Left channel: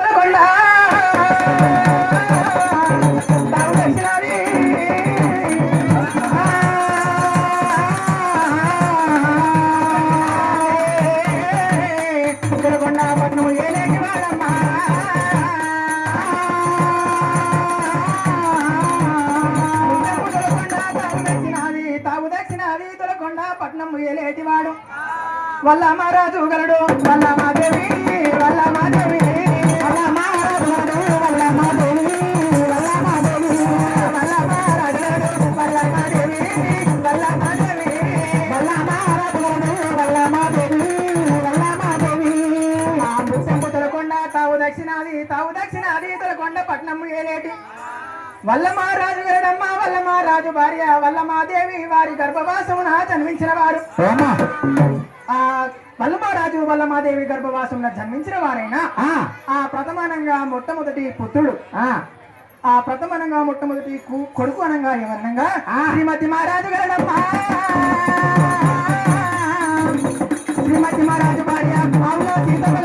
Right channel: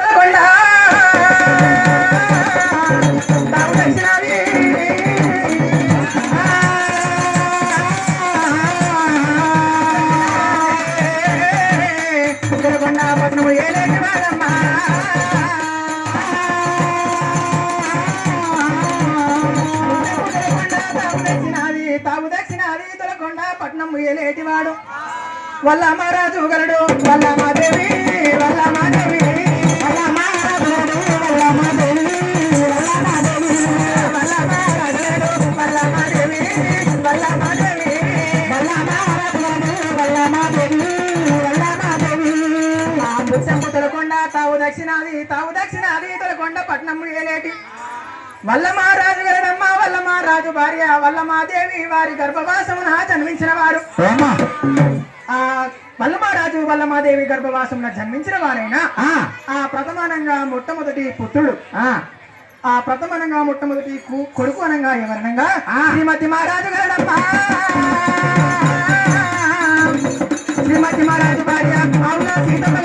తాగు పట్నం ఏలేటివాడు. వల్ల మహారాజు గలడు వల్ల వల్ల మాదేవి దక్షిణాది తావు దక్షిణాది తొలకొండ పట్నం ఏలేటి. వల్ల మహారాజు గలడమ్మ వల్ల మహారాజు భార్య వల్ల మాదేవి వారి గర్భవాసమున జన్మించిన వారు. వల్లమారాజు వల్లమాదేవి గర్భవాసంలో జన్మించిన వారైనా ఆ. ప్రథమానంగా మొట్టమొదటి పుత్రుడు ఆ. ప్రథమనంగా మొట్టమొదటి కొడుకు అనగా ఎవరనంగా? శ్రీమతి మహారాజు గలడమ్మా శ్రీమతి మహారాజు భార్య సీతమ్మ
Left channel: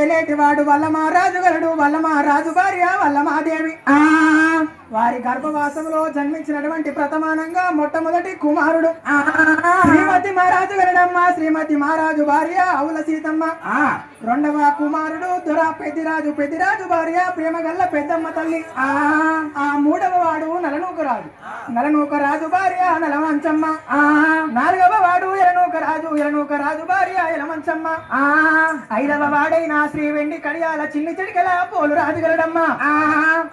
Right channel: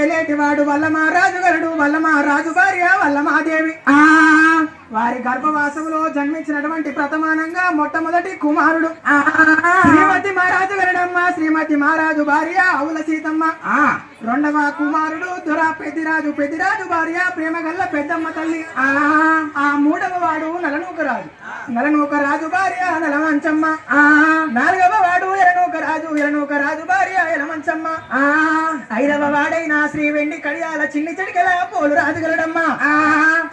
ఏలేటి వాడు వల్ల మహారాజు గరుడు వల్ల మహారాజు భార్య వల్ల మహాదేవి ఆ వారి గర్భవాసంలో జన్మించినటువంటి ప్రథమానంగా మొట్టమొదటి కుమారుడు. శ్రీమతి మహారాజు గరుడమ్మ శ్రీమతి మహారాజు భార్య అవుల సీతమ్మ. ఆ రెండవ కుమారుడు దొర పెద్దిరాజు పెద్దిరాజు భార్య ప్రేమగల్ల పెద్దమ్మ తల్లి. ఆ ఆ మూడవ వాడు నలనూకరాజు. నలనూకరాజు భార్య నలవంచమ్మ. ఆ శ్రీ వెండి కడియాల చిన్ని చెడికల పోలు రాజు గలడమ్మ? ఆ.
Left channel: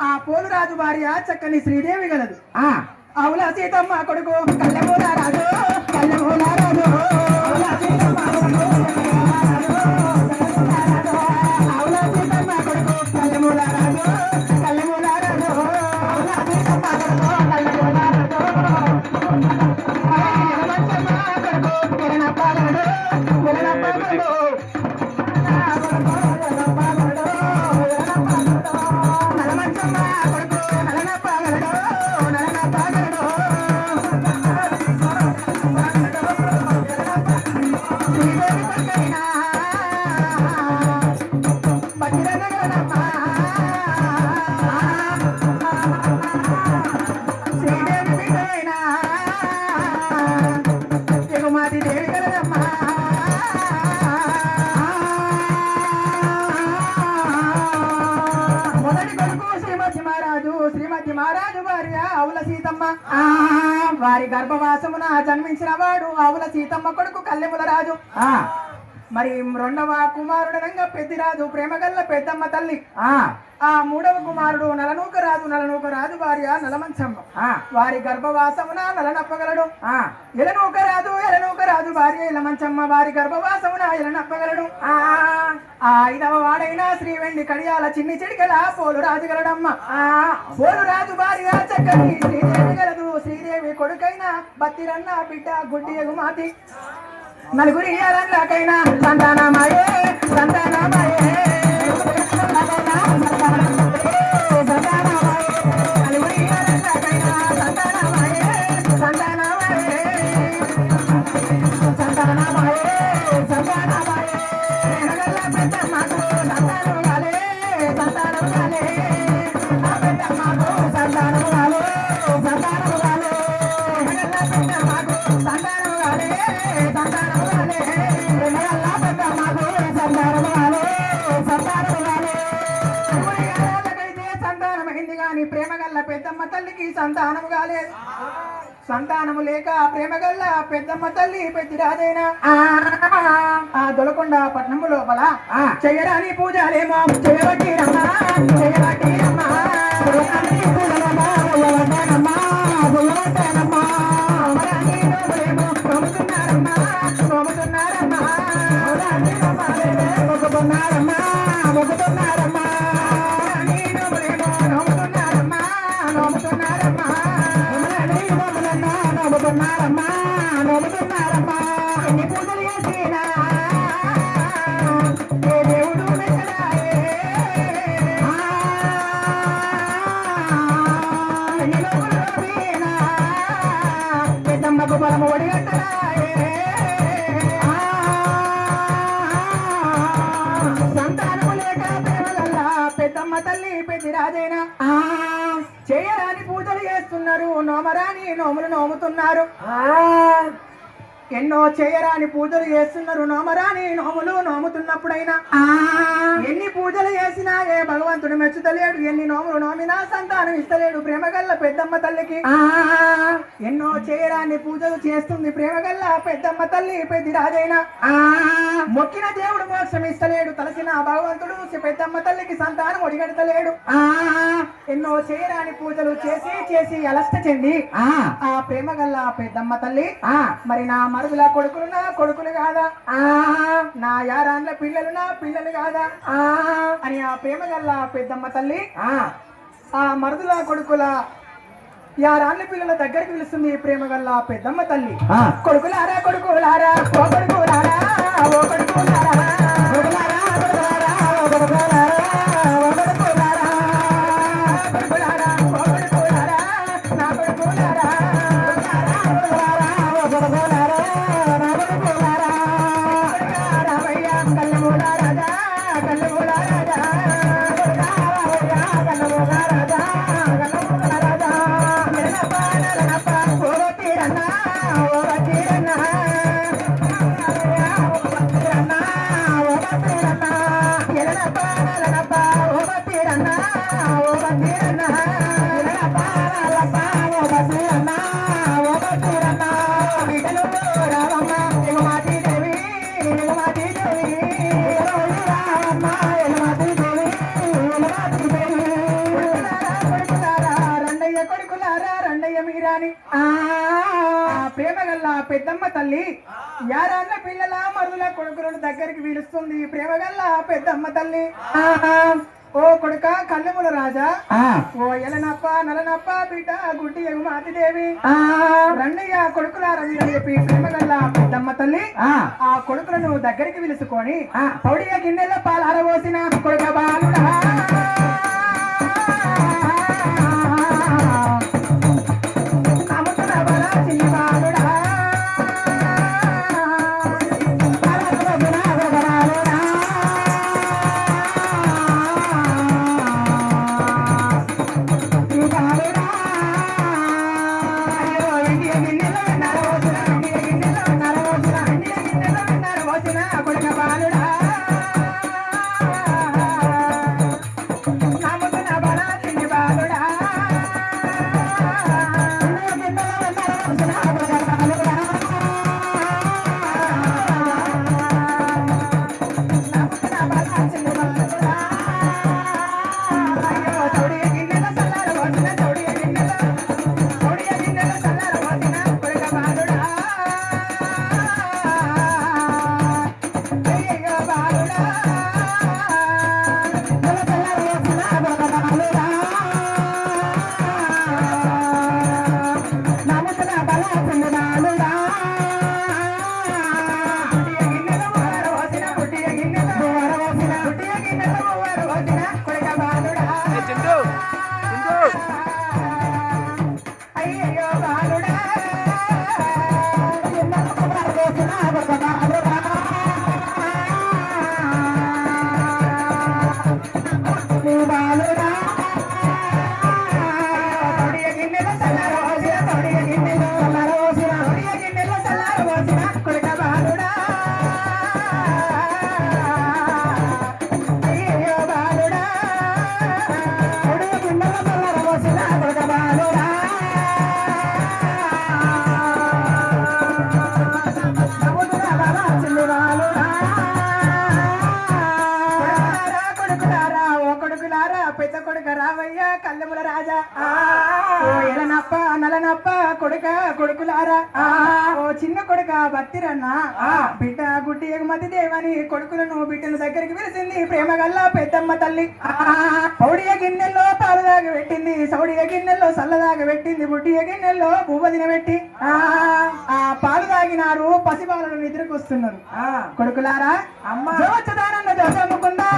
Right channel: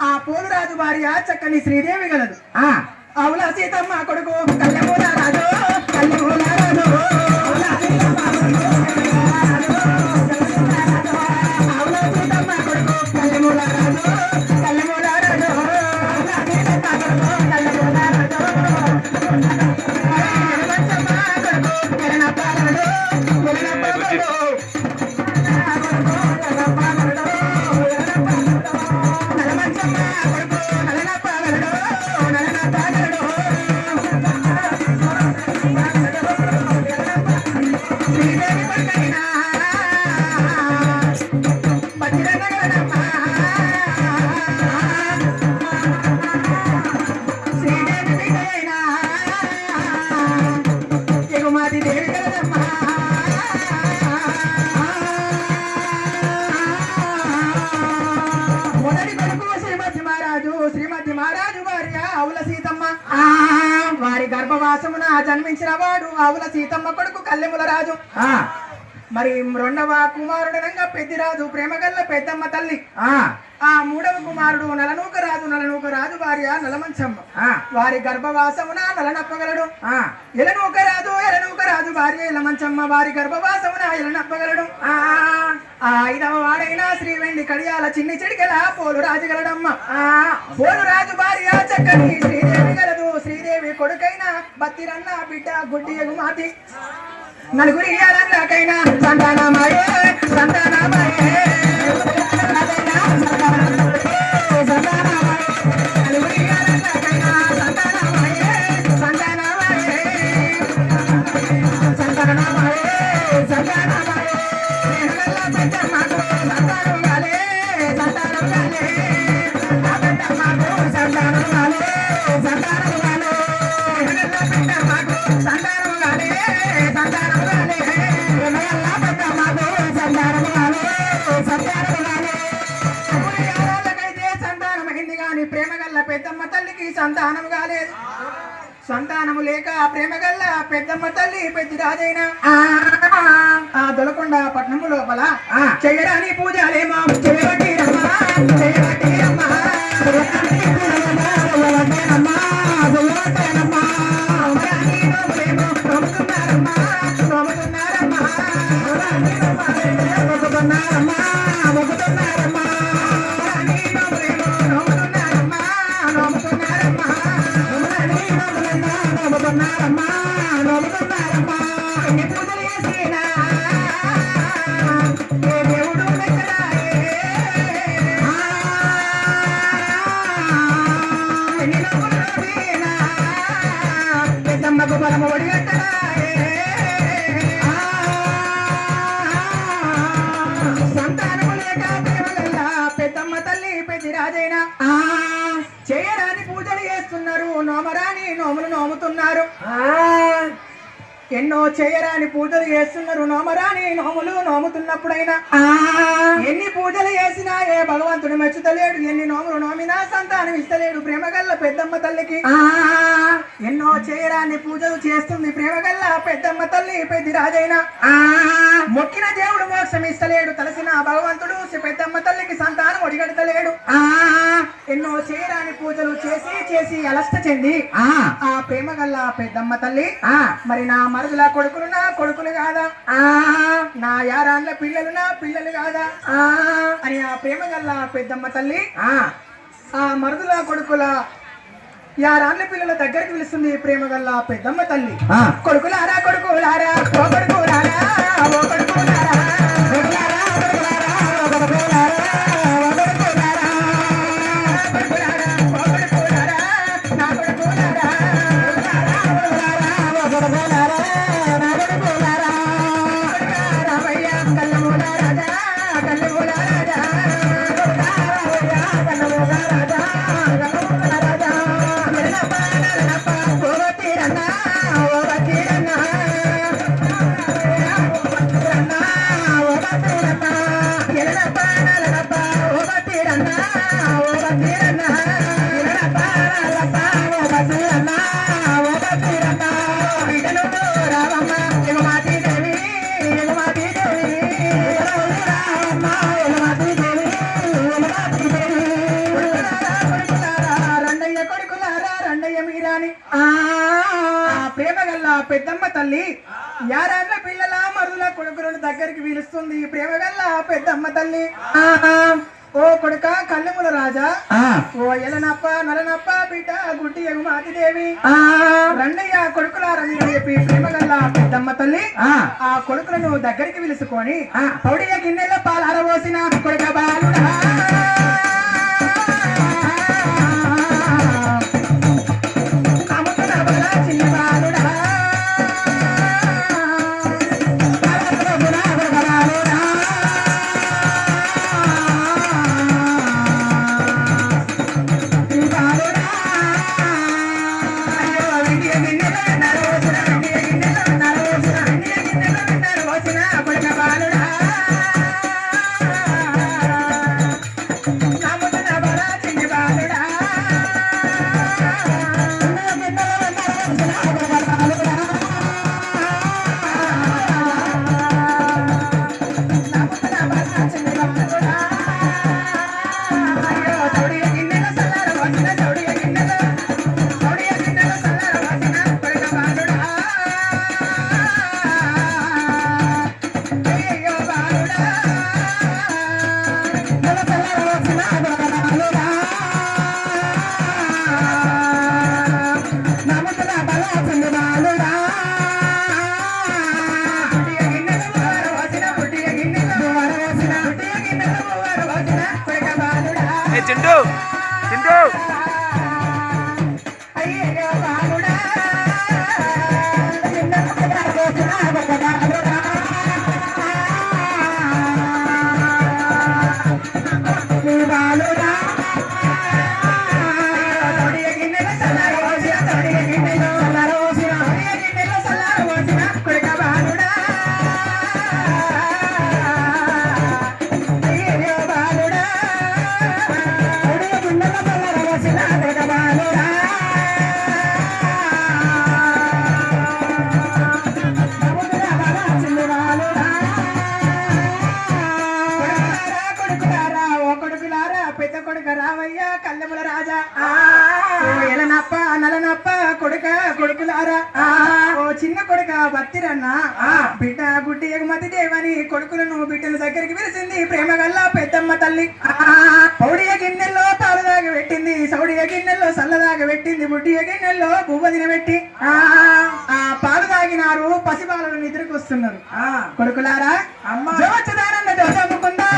ఆ పోలు రాజు భార్య చక్కని శ్రీదేవి గలదు. ఆ. అవుల సీతమ్మ కొడుకు? కళ్యమూల సీతమ్మ కొడుకు కల్లెముల రాజు. ఆ, మరి రెండవ కుమారుడనంగా పెద్దిరాజు ప్రేమగల్ల పెద్దమ్మ తల్లి. ఆ. మూడవ కుమారుడు నలనూక రాజు నలనూక రాజు భార్య నలమంచమ్మ. ఆ, వారి గర్భవాసమున నలనప్పగలడు. ఆ. ఎలనూక రాజు ఎలనూక రాజు భార్య ఎలమంచమ్మ. వారి గర్భవాసమున ఎలనప్పగలడు. ఆ ఆ ఐదవ వాడైన శ్రీ వెండి కడియాల చిన్ని చెడికెల పోలు రాజు గలడమ్మ. ఆ పోలు రాజు భార్య చక్కని శ్రీదేవి గలదు శ్రీదేవి కొడుకైనా బత్తిరన్న బిడ్డ గుడ్డి ఎగుమాతి నలుగురి అలకైనా సంతానమాయే సంతానమాయే సంతానమాయే. సంతానం కాలేదు సంతానము లేక ప్రేమ గల్ల పెద్దమ్మ తల్లి పెద్ద రాజైనా ఆ దొలకొండ పట్నము లోపల. చేయరాని పూజలేమో. చేయబట్టి రమ్మ చేయబట్టి రమ్మ నోముతున్నప్పుడైనా ఎన్ని పూజలు చేసినా ఏ భగవంతుడు మెచ్చుతలేడు ఎన్ని నోములు నోమినా సంతానం ఇస్తలేడు ప్రేమగల్ల పెద్దమ్మ తల్లికి. ఎన్నో చేయరాని పూజలు చేస్తుంది ప్రేమగల్ల పెద్దమ్మ తల్లి పెద్ది రాజైన. మొక్కిన దేవుడు మోక్షం ఇస్తలేడు తలసిన భగవంతుడు పెద్దమ్మ తల్లికి సంతానం ఒడిగడతలేడు. ఎన్నో చేయరాని పూజలు చేసి చేసి అలస్ట చెంది ఆ. ప్రేమగల్ల పెద్దమ్మ తల్లి. మరి నా మరుదుల కొడుకులు నా కొడుకులు కాదా? నా యారాన్ల పిల్లలు నా పిల్లలు కాదా? అని ఆ ప్రేమగల్ల పెద్దమ్మ తల్లి ఆ మరుదుల కొడుకుల యారాన్ల పిల్లల దగ్గరికి పిలుస్తుంది ప్రేమగల్ల పెద్దమ్మ తల్లి. కొడుకులారా కొడుకులారా కొడుకులారా. రండయ్య మీరాని ఆ ప్రేమగల్ల పెద్దమ్మ తల్లి యారాళ్ళ పిల్లల మరుదుల కొడుకులను దగ్గరికి పిలుస్తుంది ప్రేమగల్ల పెద్దమ్మ తల్లి. ఓ కొడుక కళ్ళెముల రాజా. ఓ ఎలనప్ప నలనప్ప బిడ్డ గుడ్డి ఎగుమాతి దేవి రండయ్య కొడుకులారని చెప్పి ప్రేమగల్ల పెద్దమ్మ తల్లి ఆ. కొడుకులను దగ్గరికి పిలుచుకొని పౌడియ గిన్నెల పాలు అరవోసిన కొడుక బాలుడా. బత్తిరన్న బిడ్డ గుడ్డి ఎగుమతి దేవని కొడుకులను బిడ్డల దగ్గరికి పిలిచింది. ప్రేమ గల్లా పెద్దమ్మ తల్లి. పౌడియ గిన్నెల్లో పాలు దాగి పెట్టింది. సౌడియ గిన్నెల్లో సల్ల దాగి పెట్టింది. బుడ్డియ గిన్నెల్లో పువ్వు తినబెట్టి ఆ పాలు తాగినారు పసిపాలను నిద్రకు వస్తున్నారు. కొడుకులారా అమ్మ. జవచ్చదానంద జోజమ్ముకుందా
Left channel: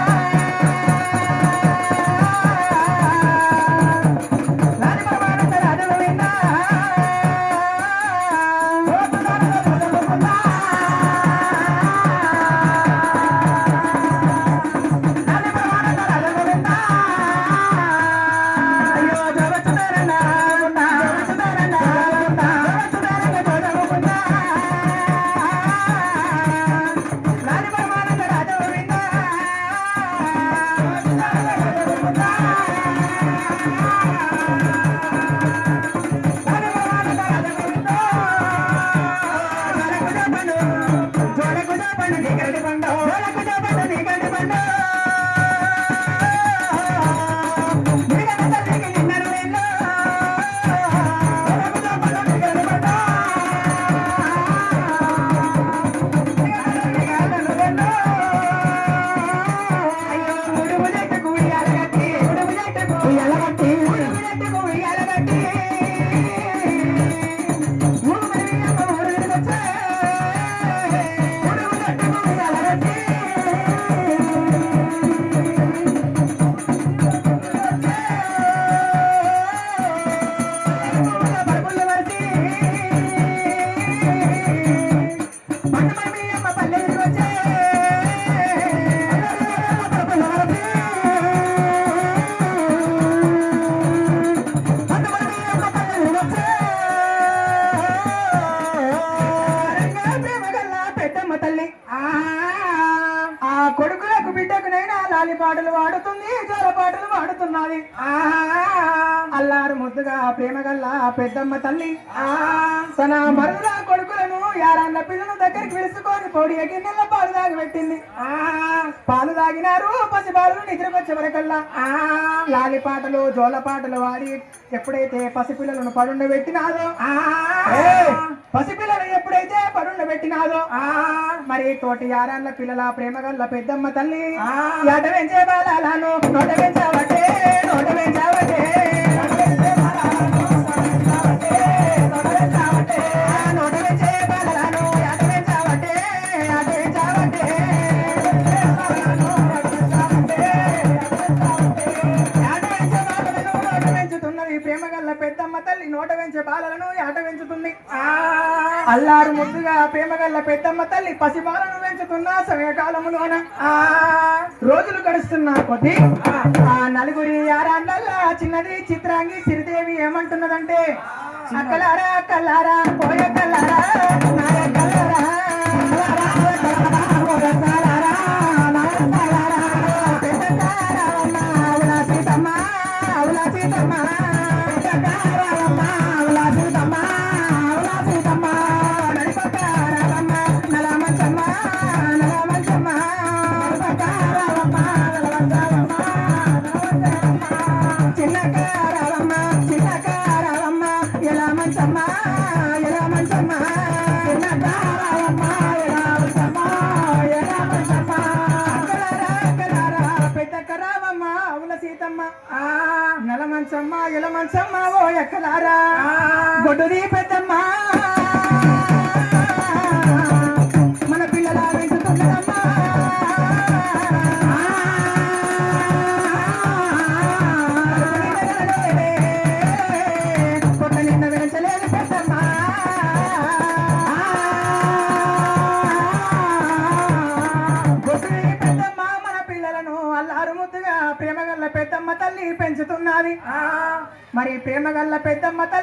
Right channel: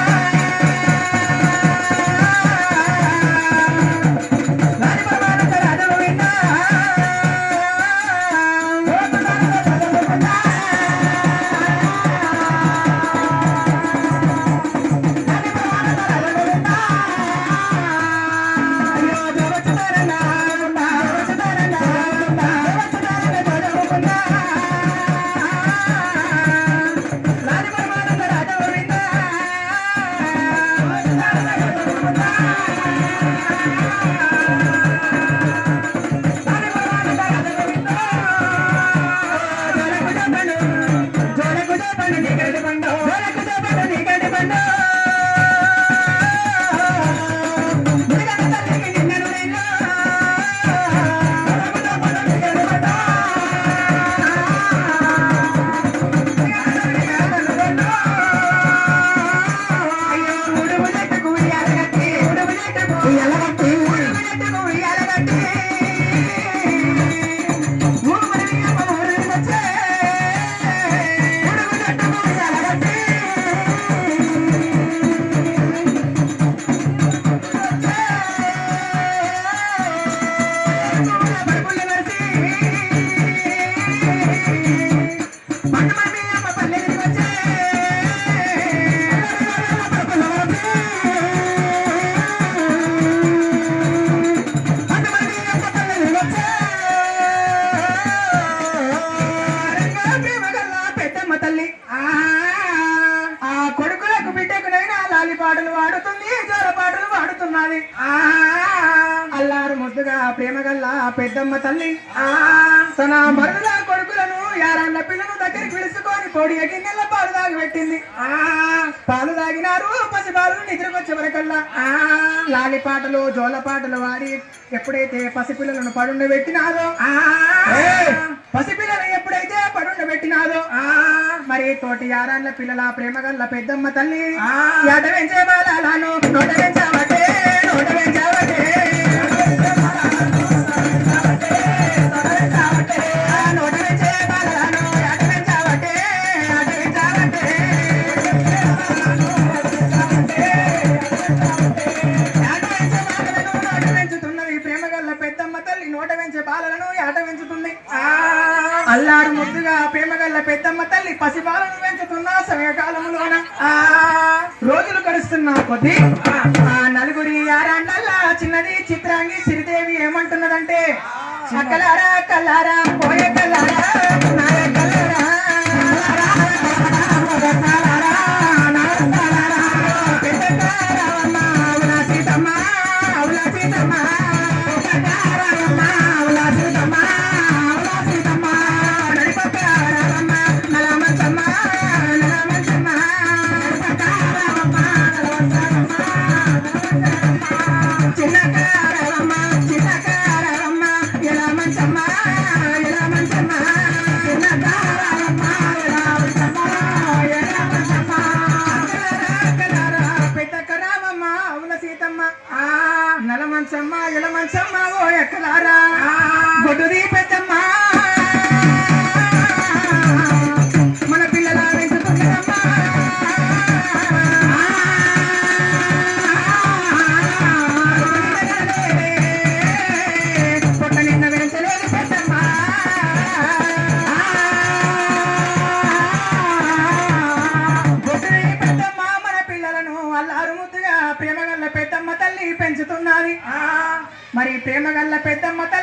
తన మరుల కొడుకులను యారాళ్ళ పిల్లను దగ్గరికి పిలుచుకొని కోడి గిన్నెల పాలు తాగి పెట్టింది. పాలు తాగినారు పసి పాలు నిద్రకొచ్చే వరకల్లా. లాలి పాటలు జోల పాటలు వాడి ఎప్పుడైతే పసిపిల్లలను పడుండబెట్టినాదో ఏయ్! పసిపిల్లలు ఎప్పుడైతే పడుండబెట్టినాదో మరి తోటి యారాళ్ళ పిల్లల ప్రేమ గల్ల పెద్దమ్మ తల్లి ఎట పెంచే బాలను నోట పెంచావటే పసిబాలను పెంచుతున్న సమయకాలములోన. ఆ రోజులు గడుస్తున్న కొద్దీ ఆ నలుగురి ఆరాండ్లల్లా చిన్నది చిత్రాంగి సిరిదేవి ఏమంటున్నదంటే అక్కలారా అక్కలారా పోయే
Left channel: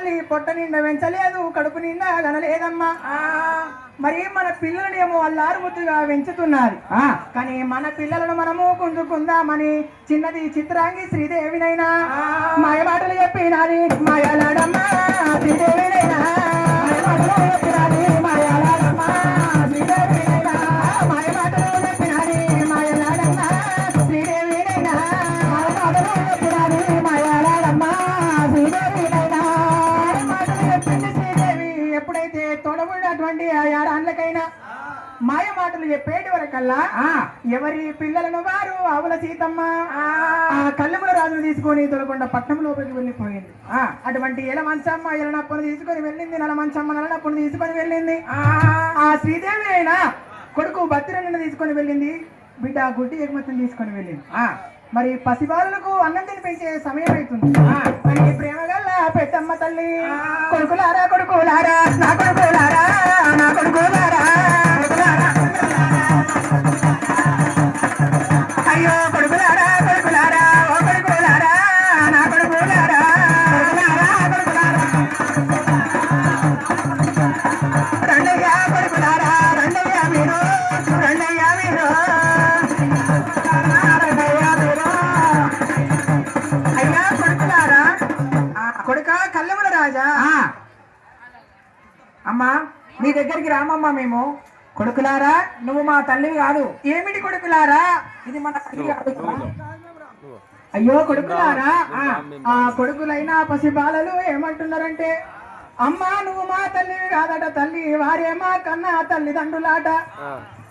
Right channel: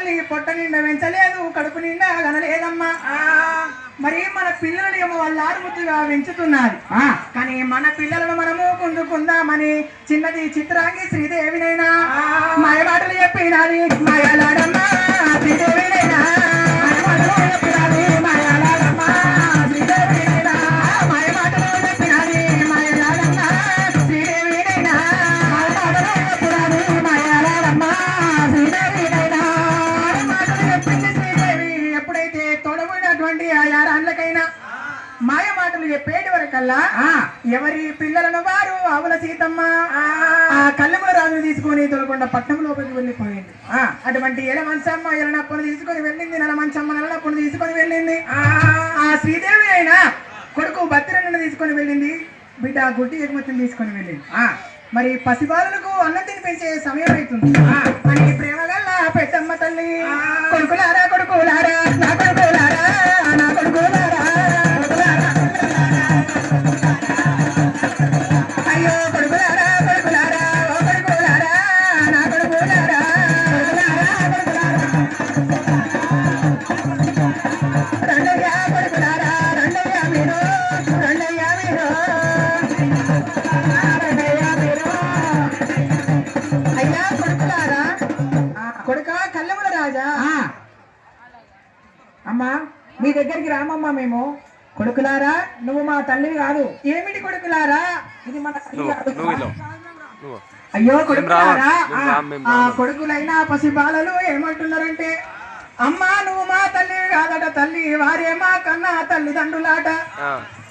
తల్లి పొట్ట నిండా పెంచలేదు కడుపు నిండా కనలేదమ్మా. మరి మన పిల్లలని ఏమో వాళ్ళు ఆరుముద్దుగా పెంచుతున్నారు కానీ మన పిల్లలను మనము కుందుకుందామని చిన్నది చిత్రాంగి శ్రీదేవినైనా. మాయ మాటలు చెప్పినది మాయలాడమ్మా శ్రీదేవినైనా. చెప్పేటి వరకల్లా? ఎవరి పిల్లలను వారు? ఆవుల సీతమ్మ. ఆ. కళ్ళముల రాజును తీసుకొని తొలకొండ పట్నం లోపలికి వెళ్ళిపోయింది. అటువంటి ఎల మంచమ్మ ఎలనప్పును తీసుకొని వెళ్ళింది నల మంచమ్మ నెలనప్పును తీసుకొని వెళ్ళింది. ఆ. శ్రీదేవి అయినా కొడుకు భద్రను తీసుకొని వెళ్ళింది. బిడ్డ గుడ్డి ఎగుమతిని తీసుకొని వెళ్ళింది. మరి పసిబాలులకు అన్నం తినిపించే సమయం అవుతుంది అని ప్రేమ గల్ల పెద్దమ్మ తల్లి. కొడుకులారా కొడుకులారా నా కొడుకులారా. రామమ్మా మేము. కొడుకులారా నువ్వు మా తల్లివి కాదు. ఏమిటి కొడుకులారా? ఇది మన. అయ్యో కొడుకులారా? ఆ, ఆ కొడుకులైన పసిబాలలు ఏమంటున్నారంటే అమ్మా నువ్వు మా తల్లి కాదట తల్లి వారే మా కన్నా తల్లిదండ్రులాట.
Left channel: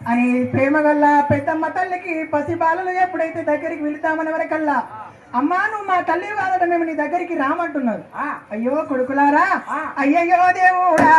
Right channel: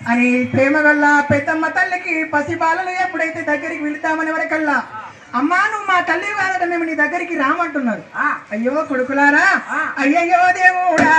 అని ప్రేమ వల్ల పెద్దమ్మ తల్లికి పసిబాలలు ఎప్పుడైతే దగ్గరికి వెళ్తామని వరకల్లా అమ్మా నువ్వు మా తల్లి కాదట మేము నీ దగ్గరికి రామంటున్నారు. అయ్యో కొడుకులారా? అయ్యయ్యో దేవుడా!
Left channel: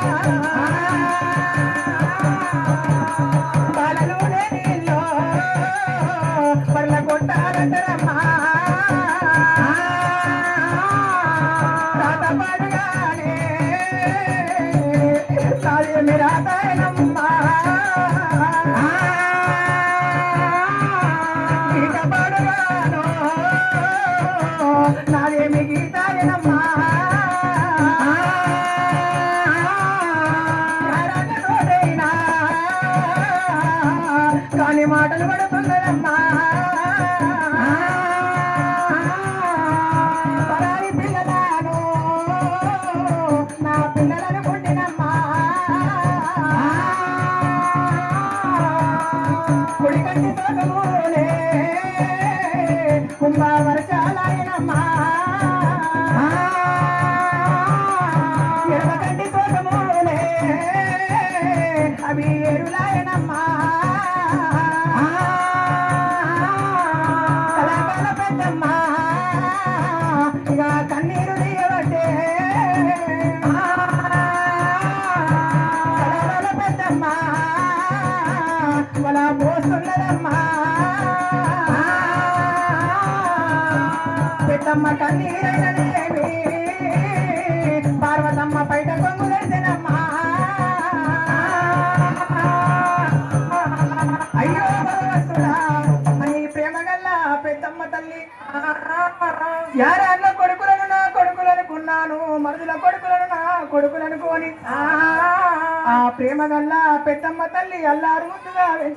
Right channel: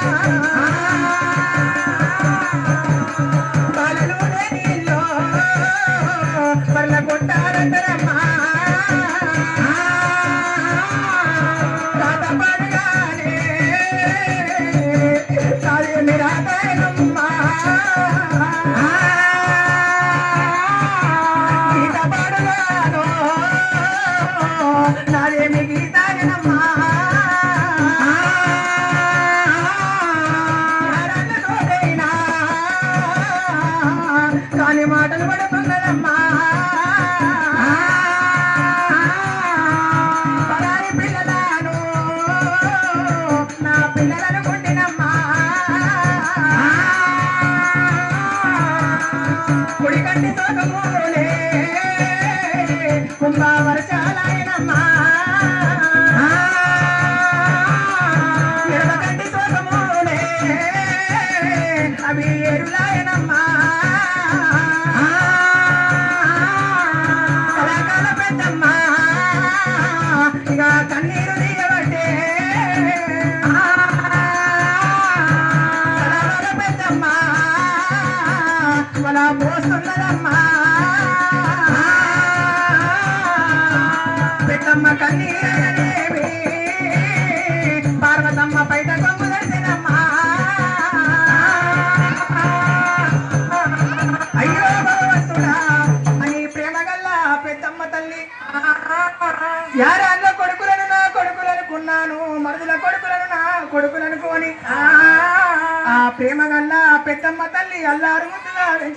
ああ。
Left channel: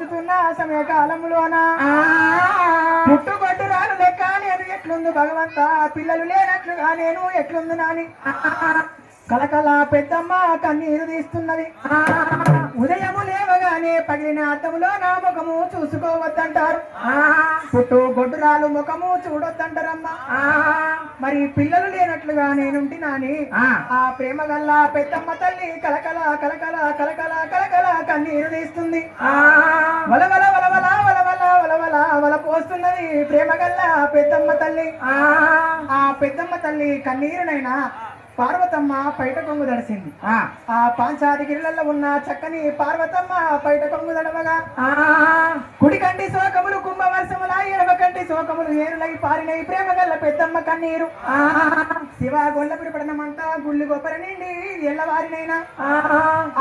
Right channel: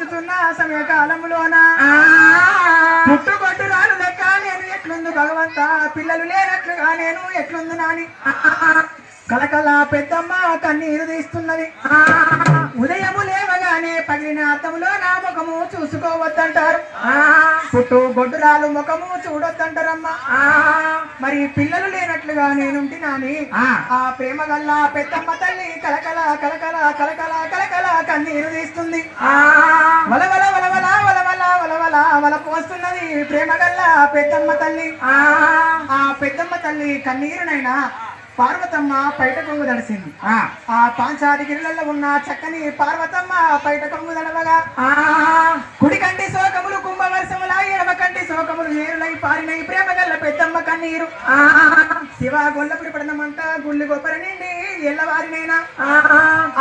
ముందుగా పెంచుతున్న సమయకాలంలోన పుట్టుకొట్టు రాను లెక్క నేను ఎట్లుంది భగవంత? పిల్లలు లేనట్లుగా నేను ఎట్లుంది నాని? కలకల పెద్దమ్మ కన్నీరు తీస్తున్నది. ఉదయము లేవగానే పగిలిన అద్దములో నా ముఖము చూసుకోవద్దంటారు. పుట్టు గొడ్డురాలు ముఖము చూడొద్దంటారమ్మా. మరి పిల్లలు లేనట్లుగా నేనుంటి నాని? ఆ. ప్రేమ గల్ల పెద్దమ్మ తల్లి కలకల కలకల కలకల కలకల కన్నీరు తీస్తుంది. వలవల వల పోస్తున్నది ప్రేమ గల్ల పెద్దమ్మ తల్లి. ఆ పెద్దమ్మ తల్లి కన్నీరునైనా పార్వతమ్మ పైట కొంగు దడసింది ఆ పాంచాదిగిరిలలో ఉన్న చక్కని పార్వతమ్మ పైట కొంగు దడవగా పారినై ప్రేమ గల్ల పెద్దమ్మ కన్నీరు. శివ గొల్లపురి పడనమంతా గుళ్ళు గొప్పర నిండి ఎల్లవారినైనా.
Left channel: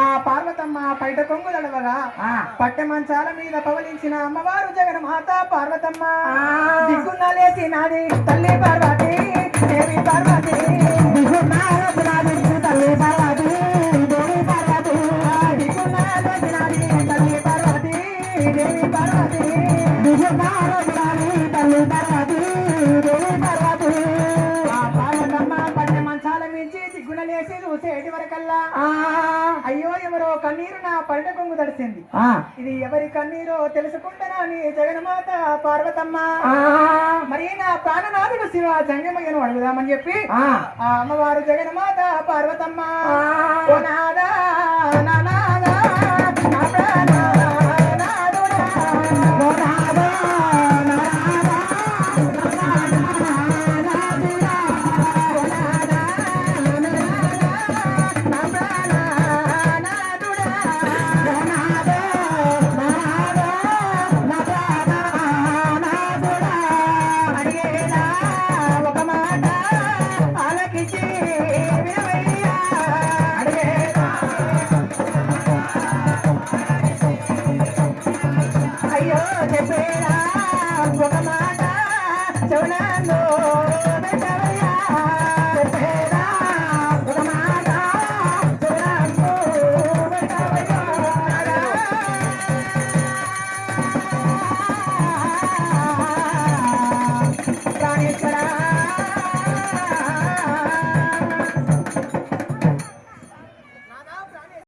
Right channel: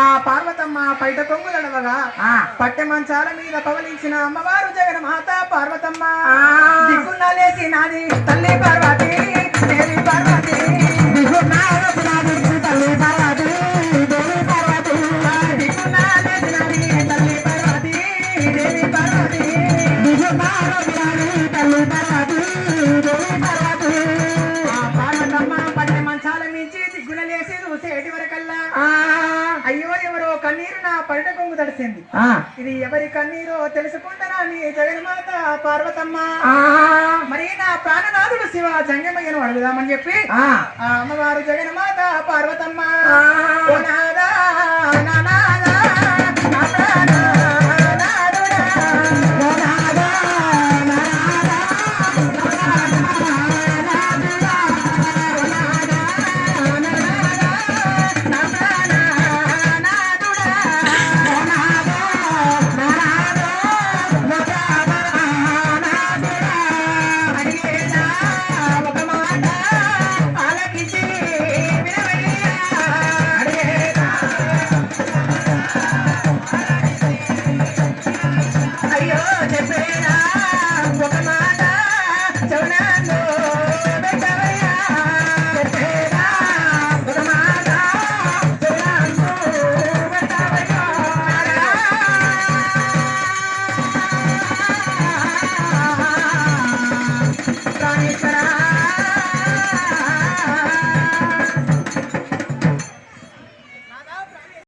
ఆ పార్వతమ్మ పైట కొంగు దడవగా పట్టె మంచాల మీద పవలించిన అమ్మవారు జగన్మాత పార్వతమ్మ. దిక్కున్న లేచి నాది తల్లి పార్వతి దేవి పార్వతి తల్లి పార్వతి దేవి పార్వతి దిక్కున్న లేచి నాది తల్లి పార్వతి దేవి పార్వతి. దిక్కున్న లేచి నాది తల్లి పార్వతి కన్నీరో తెలుసుకుంటానా నీ జగన్మాత పార్వతమ్మ? మరి నా ప్రాణనాథుడు శివ జంగమయ్యను అడుగుదామని చెప్పి ఆ. అమ్మవారు జగన్మాత పార్వతమ్మ. నాదా, నా